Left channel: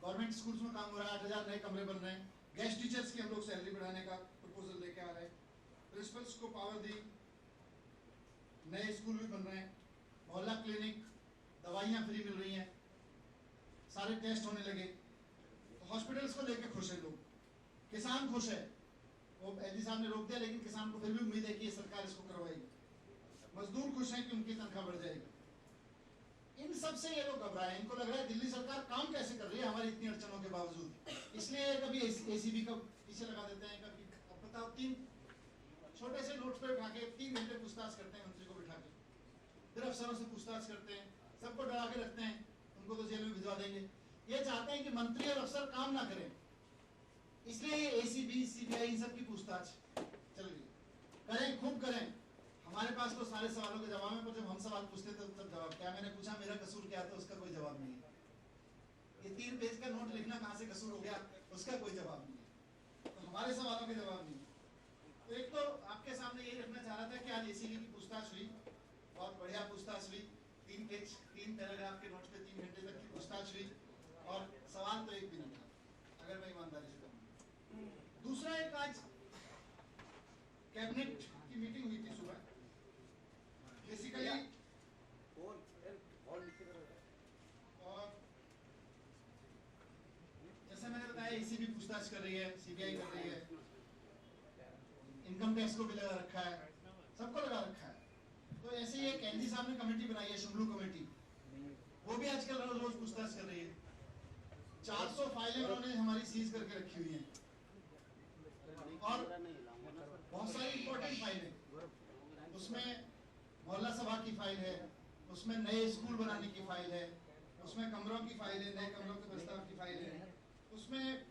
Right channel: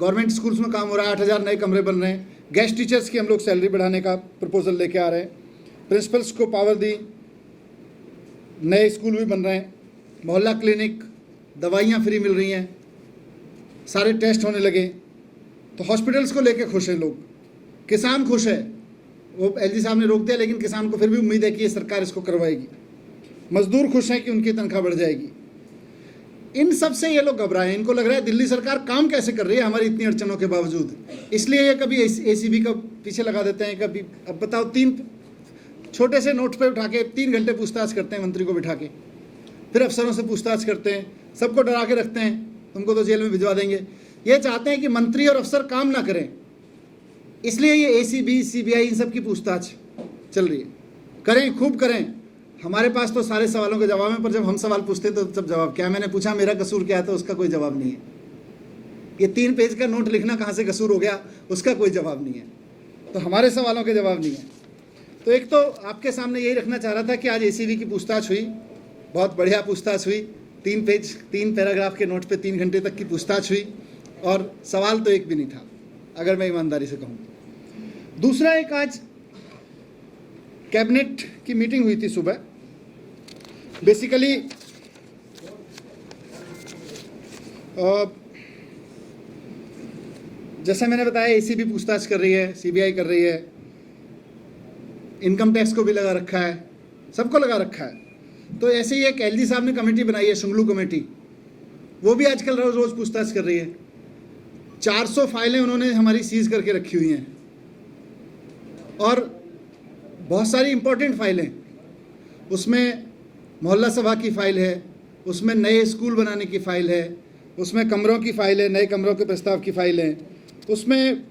Government schools में काम हो रहा है, 8,000 नए कमरे बन रहे हैं। गेस्ट टीचर्स की हम लोग सैलरी बढ़ाने का प्रपोजल लेके आ रहे हैं। प्रिंसिपल्स को पावर दी, नए स्कूल भी बन रहे हैं, मोहल्ला क्लिनिक, दवाइयाँ फ्री मिल रही हैं, सारे टेस्ट होने लगे। तो हॉस्पिटल्स को लेके खुश हैं लोग, किसान खुश है। वो एलजी साहब ने रोक दिया, लेकिन किसान को फिर भी उम्मीद है कि ये सरकार इसको करवाएगी। मजदूर खुश हैं कि उनकी तनख्वाह बढ़ जाएगी। इन सब से ये लोग घबराए, इनको लग रहा है दिल्ली सरकार काम कैसे कर रही है हमारी इतनी अड़चनों के बावजूद, इसलिए ये कभी एसीबी का पीछे लगा देते हैं, कभी अब बताओ 3 छोटे से नोट पे उठा के 3 घंटे पूछताछ करते हैं मंत्री को बिठा के, फिर अफसरों से पूछताछ करते हैं, सबको डरा के रखते हैं, तुमको तो जेल में भिजवा देंगे। ये चाहते हैं कि मंत्री और अफसर काम ना करें, इसलिए ये एसीबी सीबीआई इन सब की पूछताछ चल रही है। करें, खूब करें, हमारे पास तो सारे सवालों के जवाब हैं, पर जब हम सवाल पूछते हैं तो सब जवाब क्या, मैंने पूछा मेरा कसूर क्या है तो उसका कोई जवाब नहीं है। ये 3 पेज का नोट लिखना कहाँ से कसूर हो गया, उसका कोई जवाब नहीं है। तो हमारे सवालों के जवाब नहीं है। तो एक तो आपके सामने यही रखना चाह रहा था कि आज एसीबी की पूछताछ हुई, बहुत बढ़िया पूछताछ हुई। 3 पैराग्राफ के नोट पे 3 घंटे तक की पूछताछ हुई, और सवाल तो एक भी नहीं था, अगर मैं ईमानदारी से कहूँ। दूसरा, एक आज कैबिनेट की मीटिंग हुई थी सुबह। बेसिकली जैसा मैंने बताया, एसीबी पूछताछ कर रही है, सीबीआई कर रही है, इनकम टैक्स को भी लगा रखा है, सबको लगा रखा है। तो ऐसे ही एक एलजी साहब ने कमेटी बनाई है, शुंगलू कमेटी, वो भी आजकल रोज रोज पूछताछ कर रही है। 400 फाइलें उन्होंने हमारी सीज करके रखी हुई हैं, और बहुत सारी इंपॉर्टेंट फाइलें, उसमें मोहल्ला सभा की फ़ाइल है, उसमें नए स्कूल बनाने की फ़ाइल है, उसमें कमरों की फ़ाइल है, नए कमरों के प्रस्ताव की फ़ाइल है, उसमें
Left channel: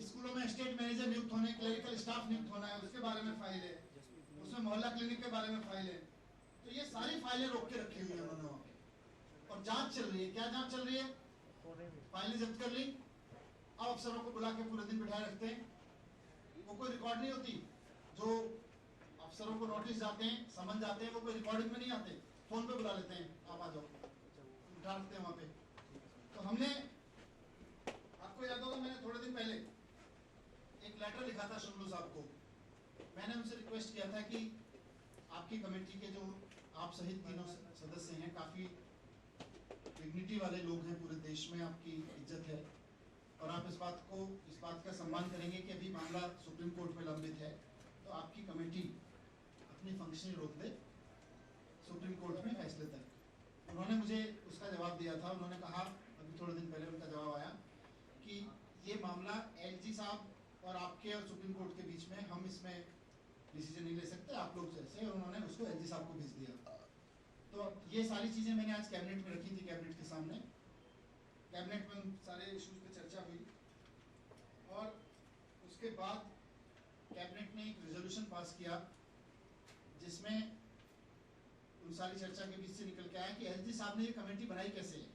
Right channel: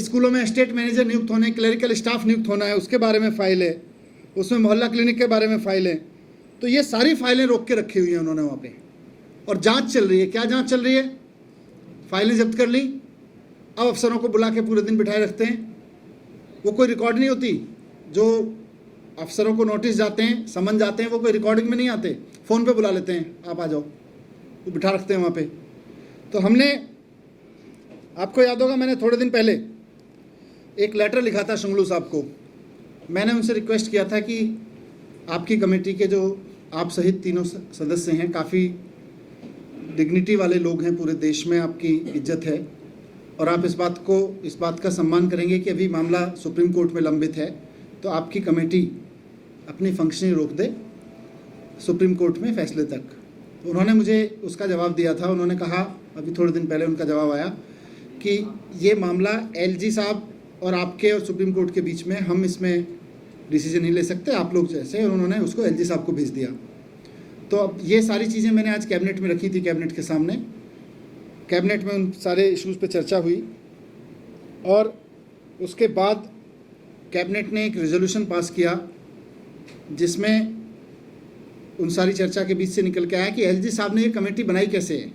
स्कूलों में स्टेट मैनेजर नियुक्त होने, क्लरिकल स्टाफ नियुक्त होना है, उसके बारे में फ़ाइल है, उसमें मोहल्ला क्लिनिक के बारे में फ़ाइल है। तो ये सारी फाइलें रोक के रखी हुई हैं उन्होंने वहाँ पे, और जांच चल रही है। क्या जांच चल रही है? फाइलें जब्त कर ली, अब अफसरों को बुला के पूरे दिन बिठाए रखते हैं। वो कोई रिकॉर्ड नहीं होती, जो अफसरों को नोटिस जाते हैं, समन जाते हैं, वो कोई रिकॉर्डिंग में नहीं आते, फ़ोन पे बुला लेते हैं, आप आ जाओ, वो बिठा रखते हैं वहाँ पे। तो हमने, आपको याद होगा, मैंने थोड़े दिन पहले एक लेटर लिखा था शुंगलू साहब को। मैंने उनसे रिक्वेस्ट किया था कि आपकी कमेटी के जो आप सहित तीनों सदस्य हैं, काफ़ी डिग्निटी वाले लोग हैं, पूरे देश में आपकी इज्जत है, और आप इस बात का सम्मान करेंगे कि अभी मामला सुप्रीम कोर्ट में लंबित है, तो आपकी कमेटी अपनी फंक्शनिंग रोक दे सुप्रीम कोर्ट में फैसले तक। तो उन्होंने मुझे उसका जवाब दिया था। उन्होंने कहा, अभी थोड़े दिन पहले उनका जवाब आया कि ये मामला एलजी साहब और आपके और सुप्रीम कोर्ट के बीच में, हम इसमें डिसीजन नहीं ले सकते, आप लोग जैसे, और उन्होंने उसको एलजी साहब को भेज दिया। तो अब ये सारी चीज़ें मैंने आज कैबिनेट में रखी थी, कैबिनेट के सामने। कैबिनेट में उन सारे इश्यूज़ पे चर्चा हुई, और उसके बाद कैबिनेट ने एक रेजोल्यूशन पास किया, जिसमें उन सारी चर्चा के बीच से निकल के आया कि एलजी साहब ने ये कमेटी बनाई कैसे है।